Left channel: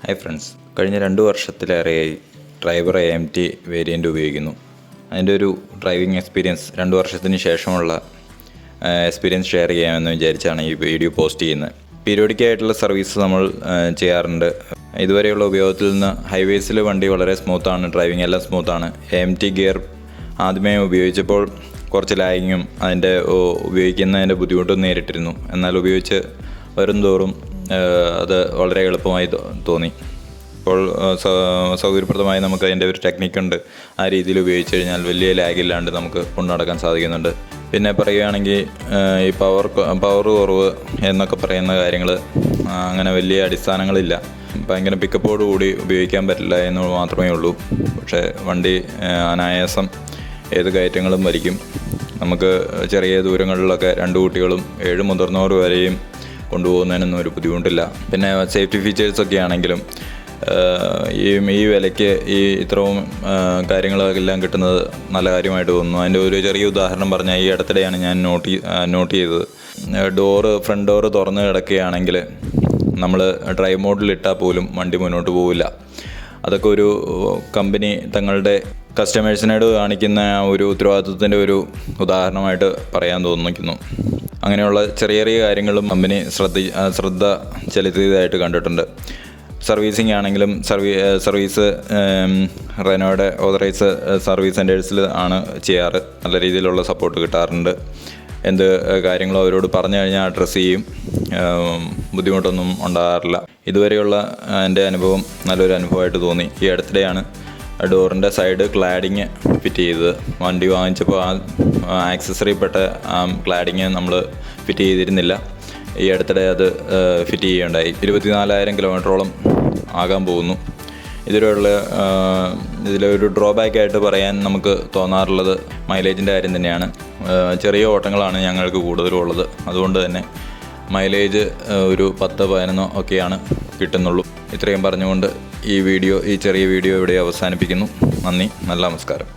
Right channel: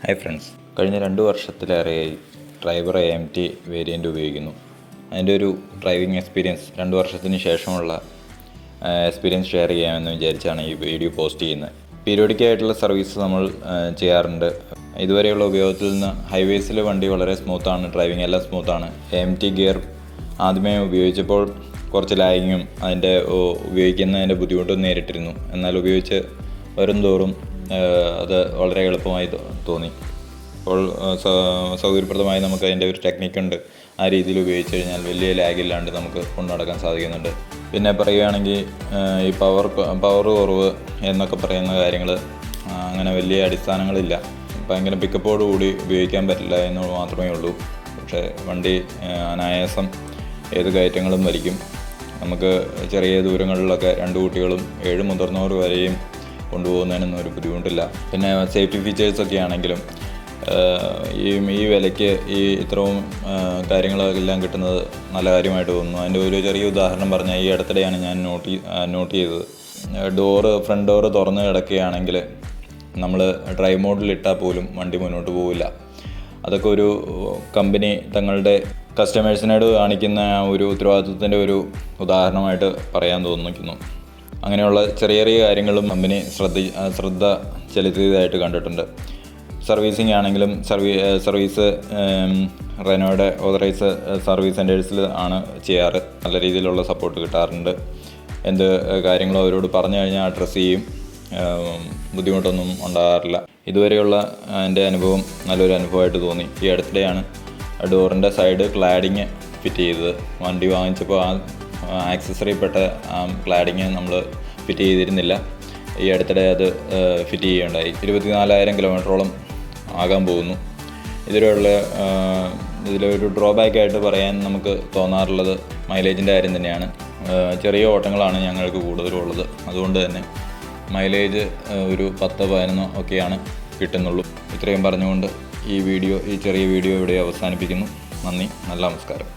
Hi friends, കഴിഞ്ഞ 2 വർഷത്തിലേറെയായി driver AMT variant ഉപയോഗിക്കുന്നു. അതിൻ്റെ ഒരു ഡ്രൈവിംഗ് എക്സ്പീരിയൻസ് 2 വർഷത്തിന് ശേഷമുള്ള എക്സ്പീരിയൻസ് ഷെയർ ചെയ്യാമെന്ന് വിചാരിച്ചാണ് ഈ വീഡിയോ പോസ്റ്റ് ചെയ്യുന്നത്. പീരിയോഡിക്കായിട്ടുള്ള സർവീസ് നമ്മൾ ചെയ്യാറുണ്ട്. ഇതുവരെയുള്ള ഉപയോഗത്തിൽ നിന്ന് ഹൈവേസിൽ വണ്ടി വളരെ സ്മൂത്താണ്, ഡ്രൈവിംഗ് എല്ലാം സ്മൂത്താണ്. AMT ഗിയർ ആദ്യമേ ഉപയോഗിച്ചപ്പോൾ കുറച്ച് ലാഗിങ്ങും ഉപയോഗിക്കുന്നതിൻ്റെ ബുദ്ധിമുട്ടും നേരിട്ടിരുന്നു. എന്നാൽ ഉപയോഗിച്ച് വരും തോറും അത് വളരെ എളുപ്പമായി തോന്നി. അപ്പോൾ സൗകര്യപ്രദമായി നമുക്ക് അതിൻ്റെ ഒരു ടെക്നിക്കുണ്ട്. ആ രീതിയിൽ ഉപയോഗിച്ച് കഴിഞ്ഞാൽ വലിയ ലാഗില്ലാണ്ട് നമുക്ക് കൊണ്ടുനടക്കാൻ സാധിക്കുന്നുണ്ട്. പിന്നെ പറയുകയാണെങ്കിൽ ഈ പവർ കുറവ് എന്നൊക്കെ പറയുന്ന കാര്യങ്ങൾ അങ്ങനെ വലിയ അടിസ്ഥാനങ്ങളില്ല. ഭയങ്കര പിക്കപ്പോടുകൂടി ഉപയോഗിക്കാൻ പറ്റില്ല എന്ന് മാത്രമേ ഉള്ളൂ. പക്ഷേ വണ്ടി അനായാസം ഏത് കയറ്റങ്ങളും വലിക്കും. നമുക്ക് ചെറിയ ദൂരങ്ങളിലൊക്കെ 2 കുട്ടികളും 7 മുതിർന്നവർ വരെയും കൊണ്ടുപോകുന്നതിനൊന്നും ഒരു ബുദ്ധിമുട്ടില്ല. പിന്നെ സേഫ്റ്റി ഫീച്ചേഴ്സൊക്കെ ആണെങ്കിലും ഈ വിലയ്ക്ക് ഇത്രയും കാര്യങ്ങളെല്ലാം കിട്ടുന്നത് നല്ല കാര്യമായിട്ട് തോന്നുന്നു. അതിൻ്റെ ഒരു ചെറിയ ഉദാഹരണം പറഞ്ഞാൽ, ഈ അടുത്തിടെയാണ് ഞാൻ നോട്ട് ചെയ്തത്. ഫ്രണ്ട് ഡോറ് തുറന്ന് കിടക്കുകയാണെങ്കിൽ നമ്മൾ ഡ്രൈവ് മോഡിലിട്ടാൽ പോലും വണ്ടി മുന്നോട്ട് പോവില്ല. അതൊക്കെ ഒരു കമ്പനി തങ്ങളുടെ കസ്റ്റമേഴ്സിനോട് കാണിക്കുന്ന ഒരു ഉത്തരവാദിത്വത്തിൻ്റെ ഒരു ഉദാഹരണമായിട്ട് പറയാൻ തോന്നിക്കുന്നു. അങ്ങനെയുള്ള ചെറിയ ചെറിയ കാര്യങ്ങളും കമ്പനി ശ്രദ്ധ ചെലുത്തിയതായിട്ട് കണ്ടിട്ടുണ്ട്. സർവീസിംഗ് ആണെങ്കിലും സർവീസ് റെനോയുടെ ഓതറൈസ് സർവീസ് സെൻറ്റേഴ്സിൽ ആണ് ചെയ്യാറ്. നല്ല രീതിയിലുള്ള സപ്പോർട്ട് കിട്ടാറുണ്ട്. എന്ത് കാര്യങ്ങളും അവരോട് പറഞ്ഞു കഴിഞ്ഞാൽ അഡ്രസ്സ് ചെയ്യും. ബുദ്ധിമുട്ടൊന്നും ഉണ്ടാകാറില്ല. ഇതുവരെയുള്ള എൻ്റെ അനുഭവം നല്ലൊരു അനുഭവമായിട്ട് തോന്നി. ഈ അടുത്തിടെയാണ് ഡോറിൻ്റെ സൈഡ് ക്ലാഡിങ് ഫിറ്റ് ചെയ്തത്. വണ്ടി വാങ്ങിച്ചപ്പോൾ ആ ആക്സസറിപ്പെട്ട ആ ക്ലാഡിങ് നമ്മൾ ഫിറ്റ് ചെയ്തിരുന്നില്ല. ഈ അടുത്തിടെ അത് ഫിറ്റ് ചെയ്യുകയുണ്ടായി. 24,000 കിലോമീറ്ററോളം ആകാൻ പോകുന്നു. ഇതിലൊരു ഡ്രോബാക്കായിട്ട് പറയാൻ നമുക്ക് തോന്നാറുള്ളത് മൈലേജിൻ്റെ കാര്യം തന്നെയാണ്. ചെറിയ ഓട്ടങ്ങളാണ് ഞങ്ങൾക്ക് കൂടുതലുള്ളത്. അതുകൊണ്ട് തന്നെ മൈലേജ് ഒരു 10-11 ഒക്കെയാണ് കിട്ടുന്നുള്ളൂ. ഇത്രയും പറഞ്ഞുകൊണ്ട് ഈ ചെറിയ വീഡിയോ ഇവിടെ അവസാനിപ്പിക്കുന്നു. നന്ദി, നല്ല നമസ്കാരം.